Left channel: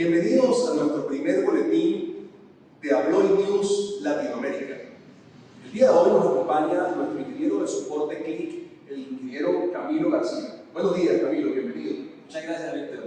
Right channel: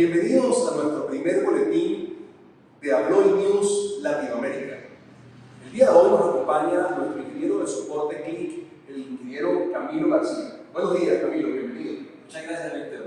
Bienvenidos a nuestro primer boletín de Abloy News Latinoamérica. El día de hoy nos acompaña nuestro ingeniero de soporte CLIC, el ingeniero Camilo García. Buenos días, Camilo, bienvenido. Muchas gracias, Víctor.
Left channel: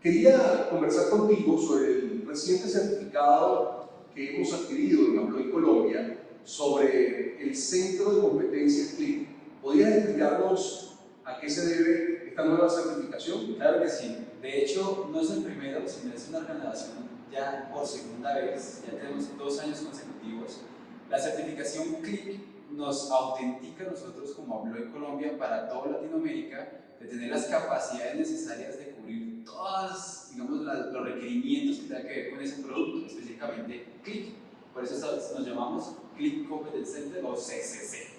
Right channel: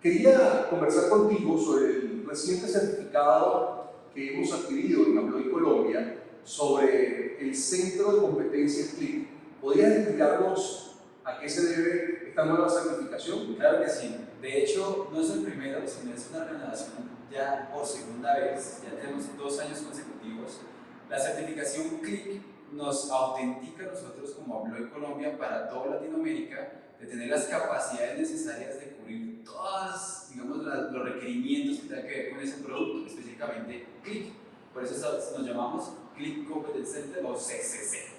Quería conversar contigo sobre el reciente certificado que hemos adquirido en Abloy Colombia sobre el Centro de Competencias CLIC. ¿Podrías explicarnos a qué se debe esta nueva certificación? Claro que sí. De hecho, no es el primero, sino es una renovación ya por segunda vez. Ya tenemos 2 años consecutivos. La certificación CLIC nos autentica a nosotros como Abloy Colombia para toda Latinoamérica de tener las capacidades necesarias de cubrir todos, digamos, los requerimientos que tengan que ver con ese producto, específicamente CLIC. Por eso nos llamamos CLIC Competence Center o CCC.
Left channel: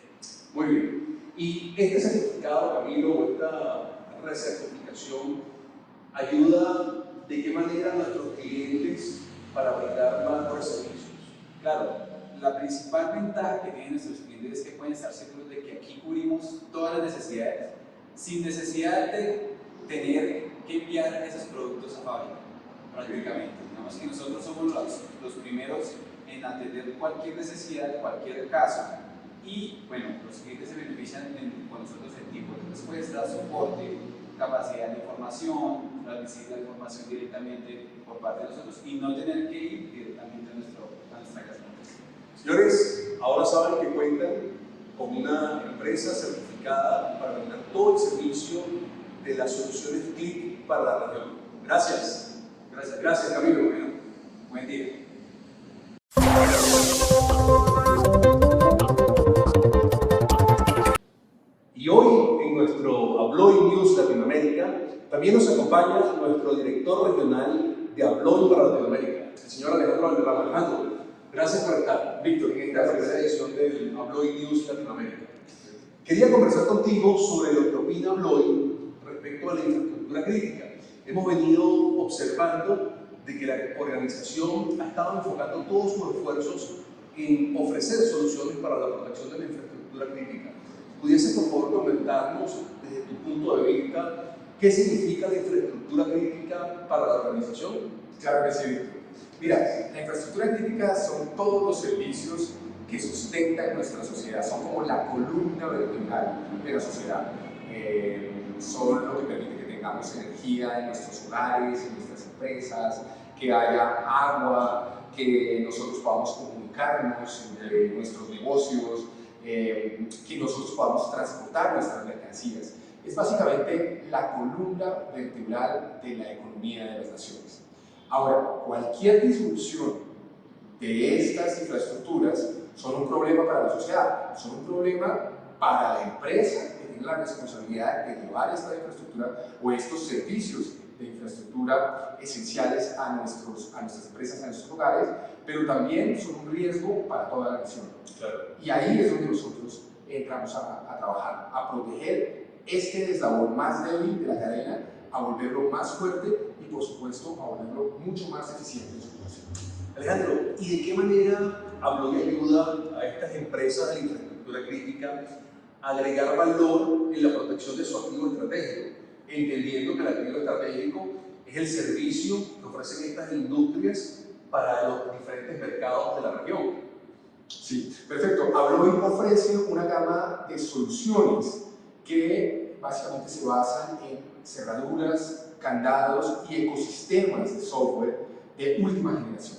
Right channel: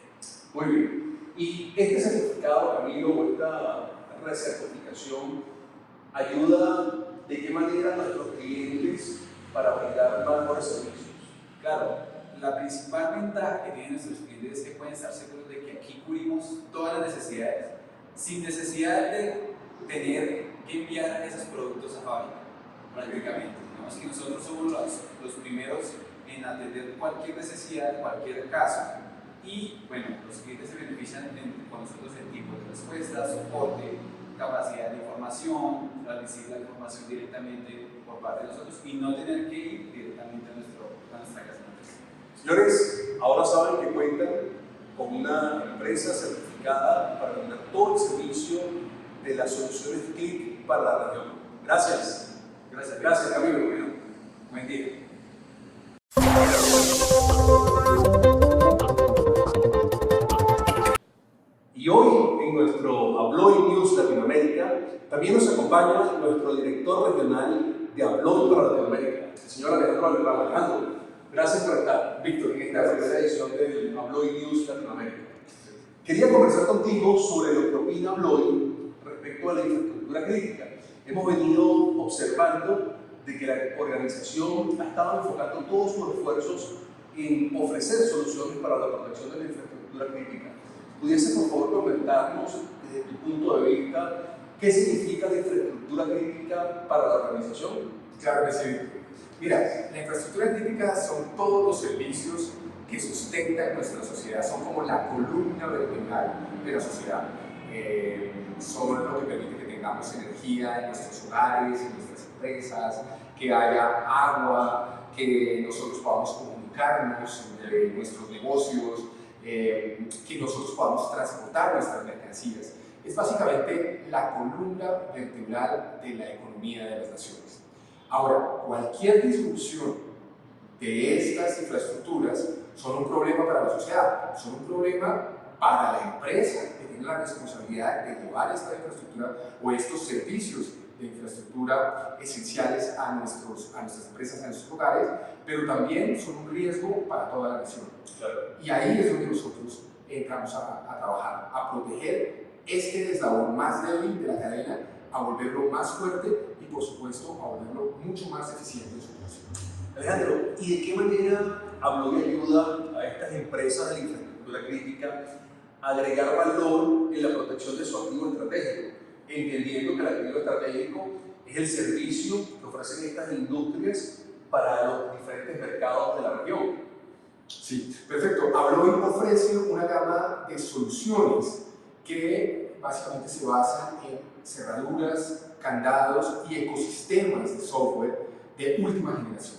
Muy bien. Y este certificado, Camilo, o esta recertificación, ayuda de qué manera a nuestros clientes para brindar mejores servicios. Claro, la principal ventaja que tienen nuestros clientes es que pueden estar seguros de que aquí cubrimos todas las necesidades sin necesidad de tener que enviar esos productos a fábrica, prácticamente. Digamos que nosotros somos los primeros en atender cualquier necesidad, cualquier caso. Y bueno, los clientes se benefician con nosotros en tiempo de respuesta, soporte, capacidad de información, transmitir la información directamente por parte de nosotros y no tener que ir directamente a nuestra casa. Señores, ahora saben que cuentan con una empresa certificada para brindar todo el servicio de las soluciones CLIC para la región. Gracias. Gracias, Camilo. Bueno, buen día. Y hoy en nuestro Abloy News Latinoamérica también nos acompaña nuestro director regional de Abloy para Latinoamérica, el señor Alejandro Alejandro. Gracias por estar, Víctor, en esta primera edición del Abloy News Latinoamérica. Quería conversar contigo sobre lo que opina Abloy respecto a la infraestructura crítica. Hemos venido observando de que la organización ha estado enfocando todos sus esfuerzos en ofrecer soluciones para la protección de la infraestructura crítica. ¿Pudiese por favor comentarnos desde tu punto de vista qué significa la infraestructura crítica para la organización? Claro que sí. Mira, la infraestructura crítica son todos los servicios que sustentan nuestra sociedad, son como la columna vertebral de la sociedad. Son lo que permite que tengamos energía en nuestros hogares, en nuestras empresas, que haya agua, que nosotros podamos comunicarnos entre nuestros negocios, que nosotros podamos transportar nuestras mercancías. Es básicamente la columna vertebral de la economía de las naciones. Ahora, cualquier disrupción de estas infraestructuras son un problema para la sociedad, son un problema para la empresa que tiene la responsabilidad de llevar esta infraestructura o estos servicios de infraestructura esenciales a nuestras empresas, a nuestros hogares, pero también son un riesgo para toda la nación. Claro. Y ahí es donde nosotros entramos a trabajar, a proteger este eslabón más débil de la cadena, a volverlo más fuerte y, por supuesto, a volverlo mucho más eficiente en su operación. Alejandro, ¿y de qué manera Abloy ayuda a estas empresas de la infraestructura crítica a agregar valor en la protección de su activo estratégico? Entendiendo que el activo estratégico es el servicio que ofrecen estas industrias para los diferentes mercados de la región. Sí, perfecto. Abloy ofrece una gama de soluciones que básicamente se basan en cerraduras, candados y ecosistemas de software de última generación.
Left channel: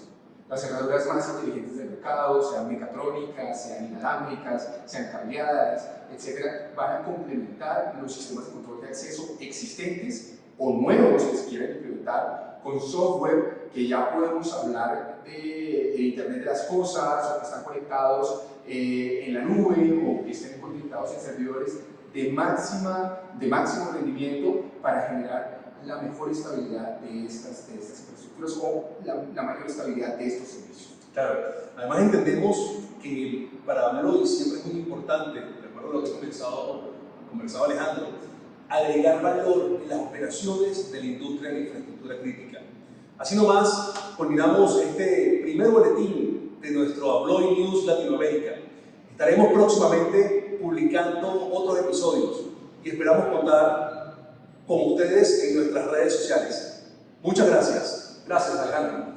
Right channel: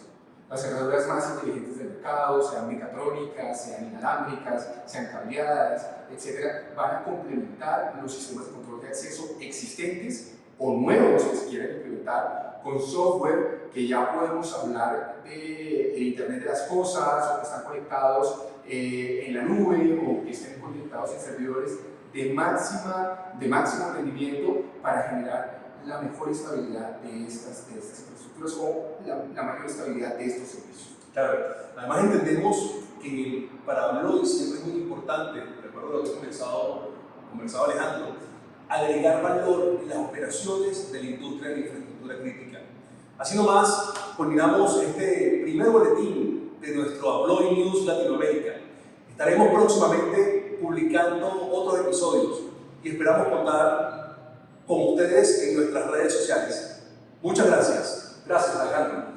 Las cerraduras más inteligentes del mercado, sean mecatrónicas, sean inalámbricas, sean cableadas, etc., van a complementar los sistemas de control de acceso existentes o nuevos que se quieren implementar con software que ya podemos hablar de Internet de las Cosas, o que están conectados en la nube, o que estén conectados en servidores de máximo rendimiento para generar la mejor estabilidad de estas infraestructuras o la mayor estabilidad de estos servicios. Claro, además entendemos que para Abloy siempre es muy importante, de acuerdo a lo que conversado Alejandro, agregar valor en las operaciones de la industria de la infraestructura crítica. Así nomás, culminamos este primer boletín de nuestro Abloy News Latinoamérica. Estaremos próximamente publicando otros episodios y esperamos contar con ustedes en nuestras redes sociales. Muchas gracias. Gracias, Alejandro.